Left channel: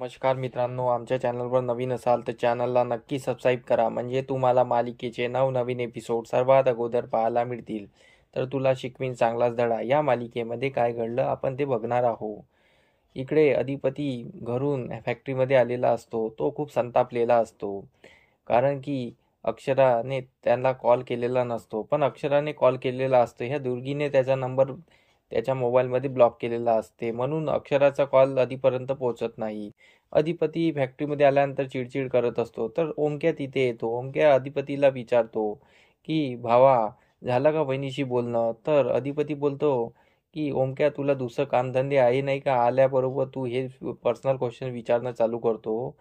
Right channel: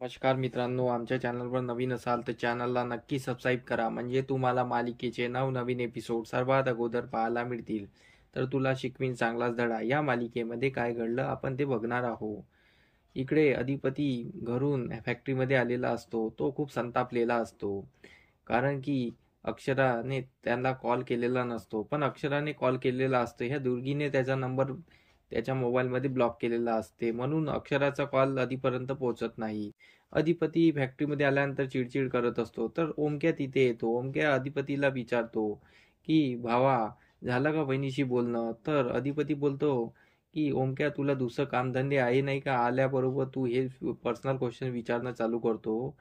नमस्कार मित्रांनो, आमच्या चॅनलवर नवीन असाल तर चॅनलला नक्की सबस्क्राईब करा, म्हणजे तुम्हाला मालिकेचे नवनवीन एपिसोड सर्वात अगोदर पाहायला मिळतील. तर तुला शिकवीन चांगलाच धडा या मालिकेमध्ये काय घडलं आपण ते बघणार आहोत. इकडे अधिपती घरून फॅक्टरीमध्ये आलेला असतो. तो खूप संतापलेला असतो, कारण की अक्षराने त्यांना कॉल केलेला नसतो, पण अक्षराने कॉल केलेला असतो. ह्या दुर्गीने त्याचा नंबर त्याच्या मोबाईलमध्ये ब्लॉक केलेला असते, म्हणून अक्षराचा कॉल अधिपर्यंत पोहोचत नाही. अधिपती फॅक्टरीमध्ये आल्यानंतर चिडचिड करत असतो. तर ओमक्या तिथे येतो. ओमक्या अधिपतीला विचारतो की भावा, झालं का बहिणीशी बोलणं? तर अधिपती बोलतो की ओमक्या, तुला दुसरं कामधंदे आहे नाही का? आल्याबरोबर तू हे पर्सनल क्वेश्चन विचारणं चालू करतो.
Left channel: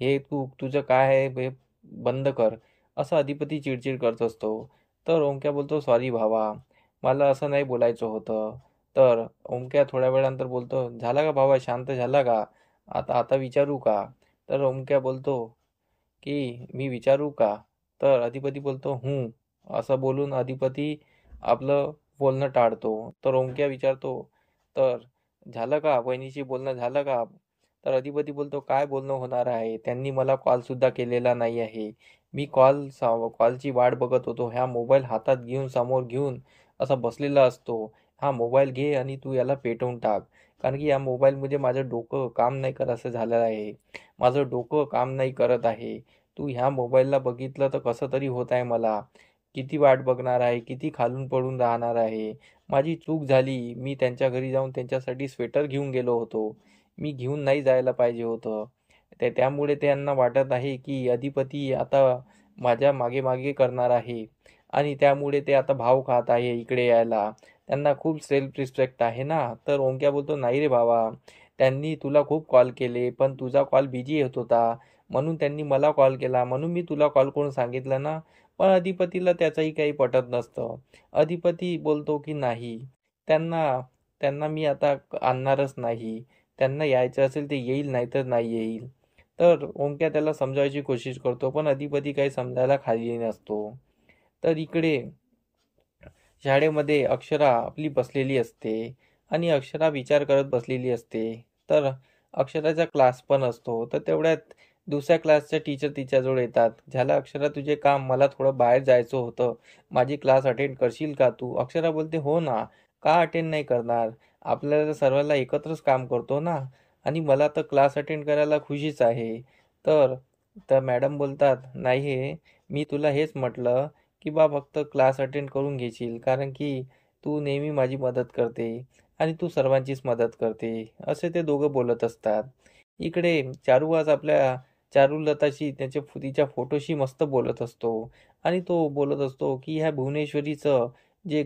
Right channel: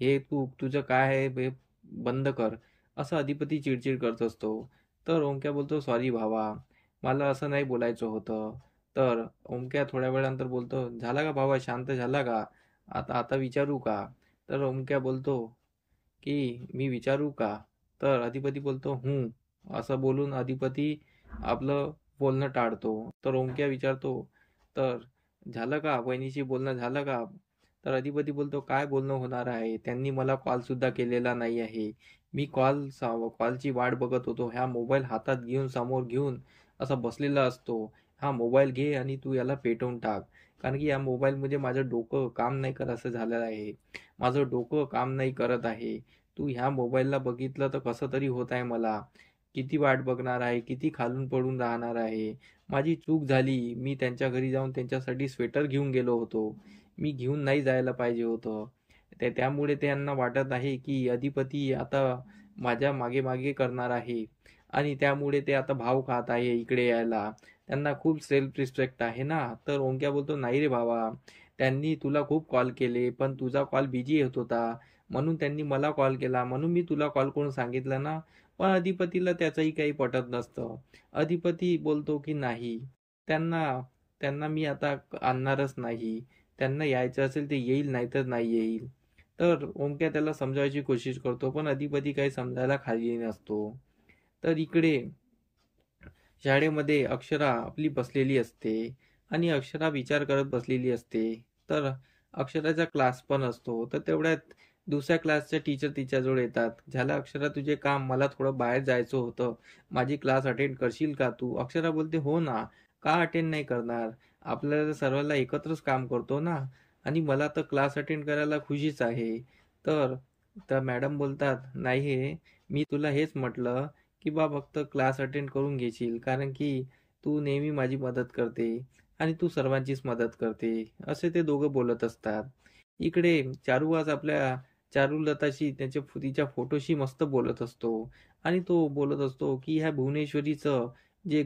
हे तुझं काय आहे हे बंद कर, असं अधिपती चिडचिड करत असतो. तर ओमक्या बोलतो, सॉरी भावा, मला असं नाही बोलायचं होतं. तर ओमक्या थोड्या वेळानंतर बोलतो, झाला का भावा, शांत झाला का? आता आता विचारू का? तर ओमक्या बोलतो की मी विचारू का? तर अधिपती बोलतो असं बोलून अधिपती आपलं बोलणं टाळतो. तर ओमक्या विचारतो, तर झालं का, वहिनीशी बोलणं झालं का? तर अधिपती बोलतो, काय बोलणं होणार आहे, त्यांनी मला कॉल सुद्धा केलेला नाही आहे. मी कॉलची वाट बघत होतो. ह्या मोबाईल हातात घेऊन समोर घेऊन असा बसलेला असतो. हा मोबाईल घे आणि तू याला पेटवून टाक, कारण की या मोबाईलमध्ये माझं डोकं काम नाही करत असं झालं आहे. माझं डोकं काम नाही करत आहे. तू ह्या मोबाईलला बघितलं तर कसं तरी होत आहे मला. किती वाट बघणार आहे, किती खालून पडून राहणार आहे. माझी चूक झाली. मी त्यांच्या घरी जाऊन त्यांच्यासाठी स्वेटर घेऊन गेलो होतो. मी घेऊन नाही जायला पाहिजे होतं. त्यामुळे त्यांना वाटत आहे की अधिपती आता माझ्या मागे मागे करणार आहे, आणि त्यामुळे ते आता भाव खात आहे इकडे यायला. त्यांना खूप सेल्फ रिस्पेक्ट आहे ना. तर ओंक्या बोलतो, नाही रे बाबा, त्यांनी तुला खूप कॉल केले, पण तुझा कॉल बिझी येत होता, म्हणून त्यांनी मला कॉल केला, म्हणून मी तुला कॉल करून सांगितलं ना. पण अधिपतीला त्याचंही काही पटत नसतं. अधिपती बोलतो की नाही, त्यांना त्यांना मी आता आणणारच नाही. त्यांना यायचं असेल ते येईल, नाही तर नाही येईल. तर ओमक्या त्याला समजायची कोशिश करतो, पण अधिपती काही समजायला खाली नसतो. तर इकडे शाळेमध्ये अक्षरा आपली बसलेली असते, आणि अक्षरा विचार करत बसलेली असते. तर अक्षराचा क्लास पण असतो. तर तेवढ्यात दुसऱ्या क्लासच्या टीचर तिच्याजवळ येतात. झालं अक्षरा तुझे काम, मला थोडं बाहेर जायचं होतं, माझी क्लास अटेंड करशील का तू? अक्षरा बोलते, हो ना, का अटेंड नाही करणार, आपल्याला सर्वांना एकत्रच काम करतो ना, आणि मला तर क्लास अटेंड करायला खुशीच आहे. तर तर मॅडम बोलतात, नाही, मी तुला हेच म्हटलं की बा फक्त क्लास अटेंड करून घेशील, कारण की तू नेहमी माझी मदत करते आणि तू सर्वांचीच मदत करते, असे ते दोघं बोलत असतात. इकडे चारू आज आपल्या चारुलताशी तिच्या फोटोशी मस्त बोलत असतो, आणि तो बोलत असतो की ह्या भुवनेश्वरीचं जे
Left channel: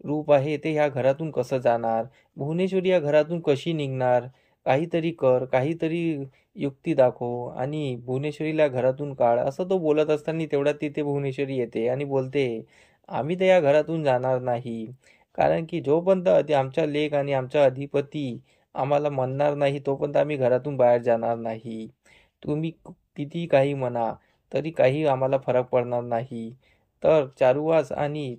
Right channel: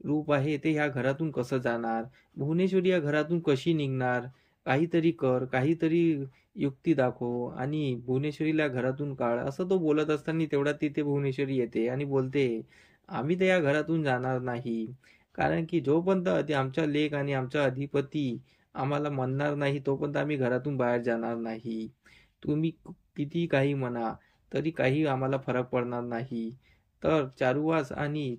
रूप आहे ते ह्या घरातून कसं जाणार, भुवनेश्वरी या घरातून कशी निघणार, काहीतरी कर, काहीतरी युक्ती दाखव आणि भुवनेश्वरीला घरातून काढ, असं तो बोलत असताना तेवढ्यात तिथे भुवनेश्वरी येते आणि बोलते, आम्ही तर या घरातून जाणार नाही, कारण की जोपर्यंत आमचा लेक आणि आमचा अधिपती आम्हाला म्हणणार नाही तोपर्यंत आम्ही घरातून बाहेर जाणार नाही. तुम्ही किती काही म्हणा तरी काही आम्हाला फरक पडणार नाही. तर चारुवास आणि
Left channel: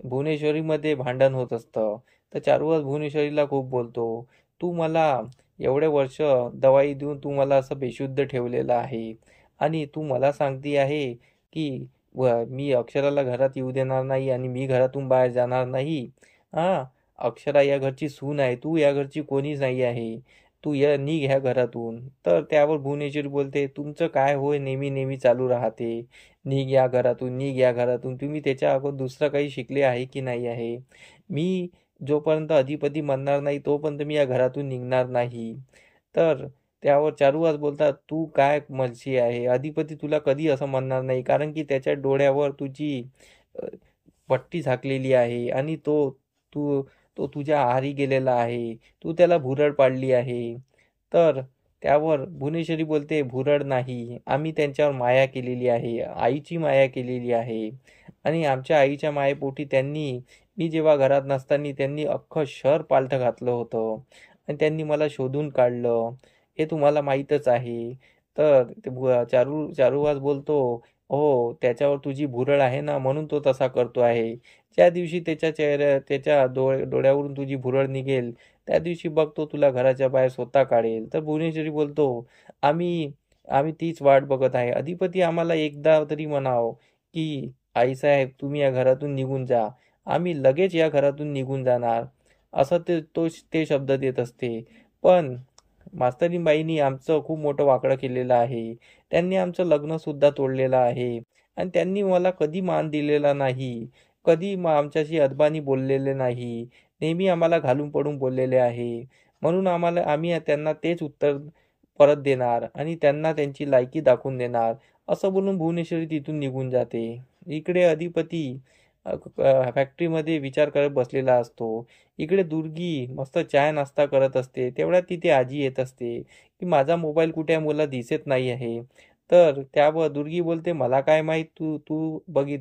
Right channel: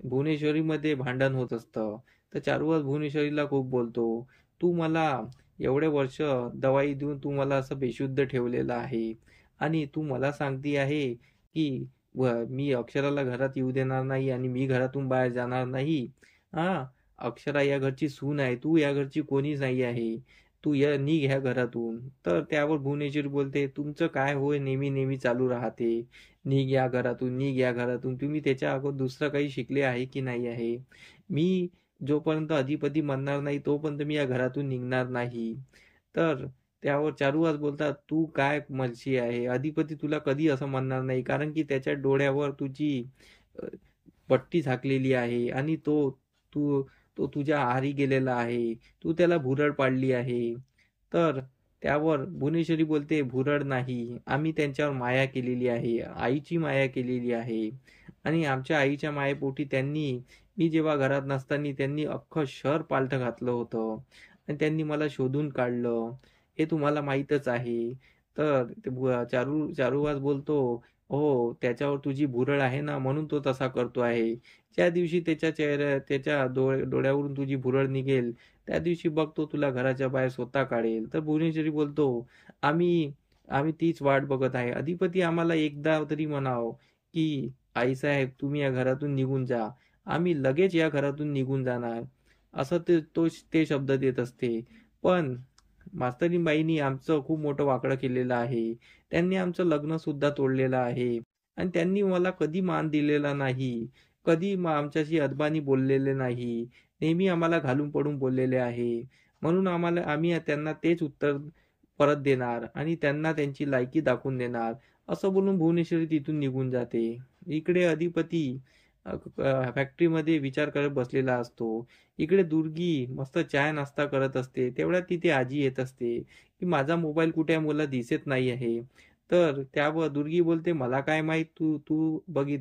भुवनेश्वरीमध्ये भांडण होत असतं. तर चारुवास भुवनेश्वरीला खूप बोलतो, तू मला एवढे वर्ष दवाई देऊन तू मला असं बेशुद्ध ठेवलेलं आहे, आणि तू मला सांगती आहे की मी अक्षराला घरात येऊ देणार नाही आणि मी घरातून बाहेर जाणार नाही. हा, अक्षरा या घरची सून आहे, तू या घरची कोणीच नाही आहे, तू या निघ ह्या घरातून. तर त्यावर भुवनेश्वरी बोलते, तुमचं काय होय नेहमी नेहमी चालू राहते, निघ या घरातून, निघ या घरातून, तुम्ही त्याच्या अगोदर दुसरं काही शिकले आहे की नाही आहे? मी जोपर्यंत अधिपती म्हणणार नाही तोपर्यंत मी या घरातून निघणार नाही. तर त्यावर चारुवास बोलतात, तू काय मर्जी आहे, अधिपती तुला कधी असं म्हणणार नाही, कारण की त्याच्या डोळ्यावर तुझी अ, पट्टी झाकलेली आहे, आणि तू तो तुझ्या आहारी गेलेला आहे, तू त्याला भुरळ पाडली आहे. तर त्यावर भुवनेश्वरी बोलते, भुरळ नाही, आम्ही त्यांच्यावर माया केलेली आहे, आईची माया केलेली आहे, आणि आमच्या आईच्या मायेपोटी मी जेव्हा घरात नसताना त्यांनी अख्खं शहर पालथं घातलं होतं, आणि त्यांनी मला शोधून काढलं, हे तुम्हाला माहीतच आहे. तर चारुवास बोलतो, हो, त्याच्यावर तुझी भुरळ आहे ना, म्हणून तो तसा करतो आहे. ज्या दिवशी त्याच्या डोळ्यावरून तुझी भुरळ निघेल, त्या दिवशी बघतो तुला घराच्या बाहेर स्वतः काढेल. तर भुवनेश्वरी बोलतो, आम्ही आम्ही तीच वाट बघत आहे. अधिपती आम्हाला एकदा तरी म्हणावं की आईसाहेब तुम्ही या घरातून निघून जा, आम्ही लगेच या घरातून निघून जाणार, असं ते शब्द देत असते. पण मास्तरीबाईंनी आमचं खूप मोठं वाकडं केलेलं आहे. त्यांनी आमचं लग्न सुद्धा तोडलेलं आहे आणि त्यांनी मला कधी मान दिलेला नाही, कधी आमच्याशी अदबानी बोललेले नाही, नेहमी आम्हाला घालून पडून बोललेले आहे. म्हणून आम्ही त्यांना तेच उत्तर परत देणार आणि त्यांना त्यांची लायकी दाखवून देणार, असं बोलून भुवनेश्वरी तिथून निघून जाते. इकडे अधिपती फॅक्टरीमध्ये विचार करत बसलेला असतो. इकडे दुर्गी मस्त चाय नाश्ता करत असते. तेवढ्यात तिथे आजी येत असते की माझा मोबाईल कुठे आहे, मला दिसत नाही आहे. तर त्यावर दुर्गी बोलते, मला काय माहित, तू तू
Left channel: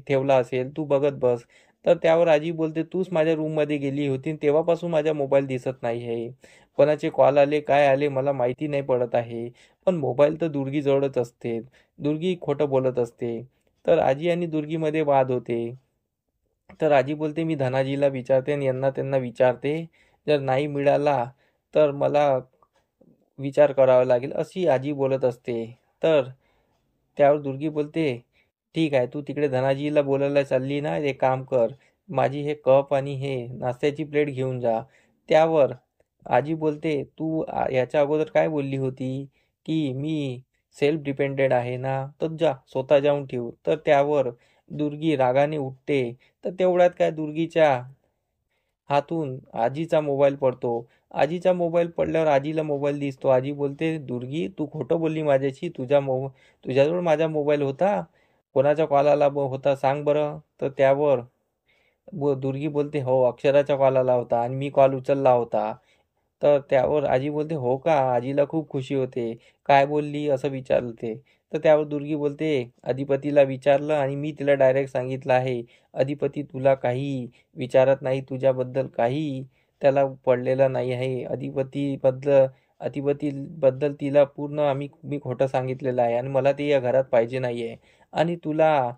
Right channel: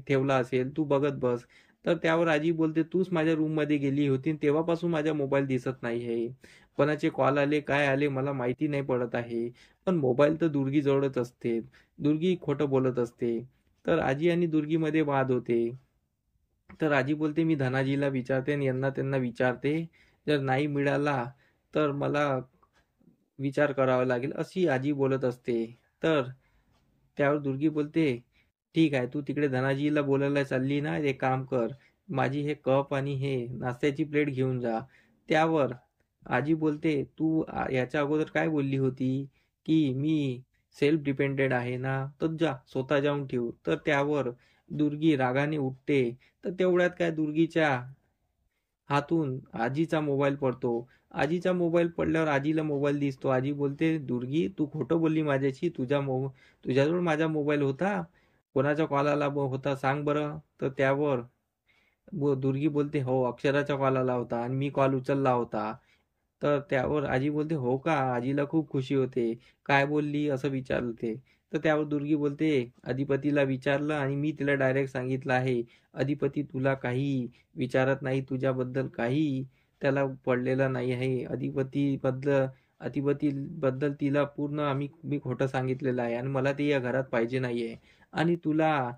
ठेवला असेल, तू बघत बस. तर त्यावर आजी बोलते, तूच माझ्या रूममध्ये गेली होती, तेव्हापासून माझा मोबाईल दिसत नाही आहे. कोणाचे कॉल आले काय आले मला माहिती नाही पडत आहे, पण मोबाईल तर दुर्गी जवळच असते. दुर्गी खोटं बोलत असते. तर आजी आणि दुर्गीमध्ये वाद होते. तर आजी बोलते, मी धनाजीला विचारते आणि यांना त्यांना विचारते, जर नाही मिळाला तर मला विचार करावा लागेल, अशी आजी बोलत असते. तर त्यावर दुर्गी बोलते, ठीक आहे, तू तिकडे धनाजीला बोलायला चालली ना, एक काम कर, माझी हे कप आणि हे नाश्त्याची प्लेट घेऊन जा. त्यावर आजी बोलते, तू याच्या अगोदर काय बोलली होती की मी सेल्फ डिपेंडेंट आहे ना, तर जा स्वतः जाऊन ठेव. तर त्यावर दुर्गी रागाने उठते. तर तेवढ्यात काय दुर्गीच्या हातून आजीचा मोबाईल पडतो. आजीचा मोबाईल पडल्यावर आजीला मोबाईल दिसतो. आजी बोलते, दुर्गी तू खोटं बोलली माझ्याशी, तुझ्याजवळ माझा मोबाईल होता, कोणाचा कॉल आला होता सांग बरं. तर त्यावर दुर्गी बोलते, हो अक्षराचा कॉल आला होता आणि मी कॉल उचलला होता. तर त्यावर आजी बोलते, हो का. आजीला खूप खुशी होते. काय बोलली असं विचारते. तर त्यावर दुर्गी बोलते, अधिपतीला विचारलं आणि मी तिला डायरेक्ट सांगितलं आहे, अधिपती तुला काही विचारत नाही, तुझ्याबद्दल काही त्याला पडलेलं नाही आहे. अधिपतीबद्दल तिला पूर्ण मी खोटं सांगितलेलं आहे आणि मला ते या घरात पाहिजे नाही आहे. आणि तुला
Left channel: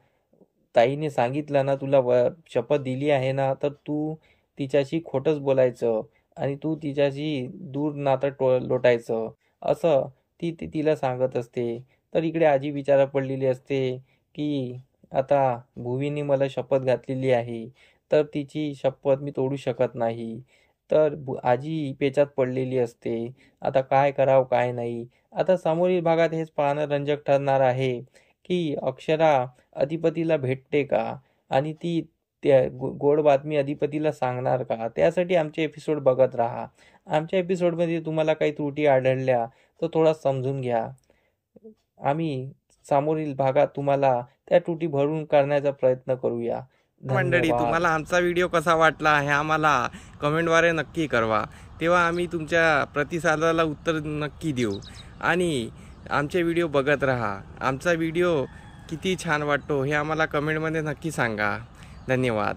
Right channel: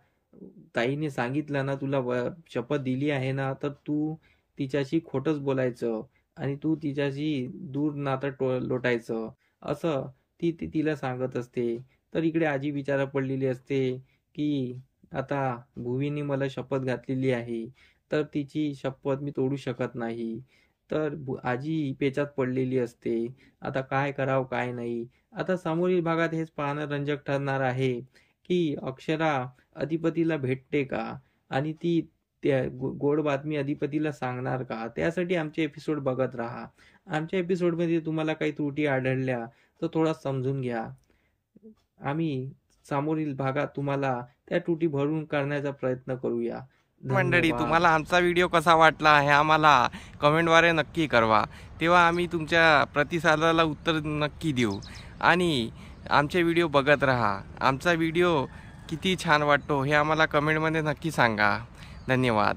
ताईने सांगितलं ना, तुला शपथ दिली आहे ना, तर तू तिच्याशी खोटंच बोलायचं आणि तू तिच्याशी दूर नातं लोटायचं, असं तिला सांगत असते. तर इकडे आजी विचारा पडलेली असते की आता भुवीने मला शपथ घातलेली आहे, तर तिची शपथ मी तोडू शकत नाही. तर आजी पेचात पडलेली असते. आता काय करावं काय नाही. आता समोरील भागात हेच पाहणं रंजक ठरणार आहे की अक्षरा अधिपतीला भेटते का आणि ती गोड बातमी अधिपतीला सांगणार का. त्यासाठी आमचे एपिसोड बघत राहा. आमच्या एपिसोडमध्ये तुम्हाला काही त्रुटी आढळल्या तर थोडा समजून घ्या. आम्ही समोरील भागात तुम्हाला त्या त्रुटी भरून काढण्याचा प्रयत्न करूया. मंडळी, तुम्हाला आमचा व्हिडिओ कसा वाटला हे आम्हाला कमेंटद्वारे नक्की कळवा. तेव्हा आम्ही तुमच्या प्रतिसादाला उत्तर नक्की देऊ. आणि आमचे व्हिडिओ बघत राहा. आमचा व्हिडिओ किती छान वाटतो हे आम्हाला कमेंटमध्ये नक्की सांगा. धन्यवाद.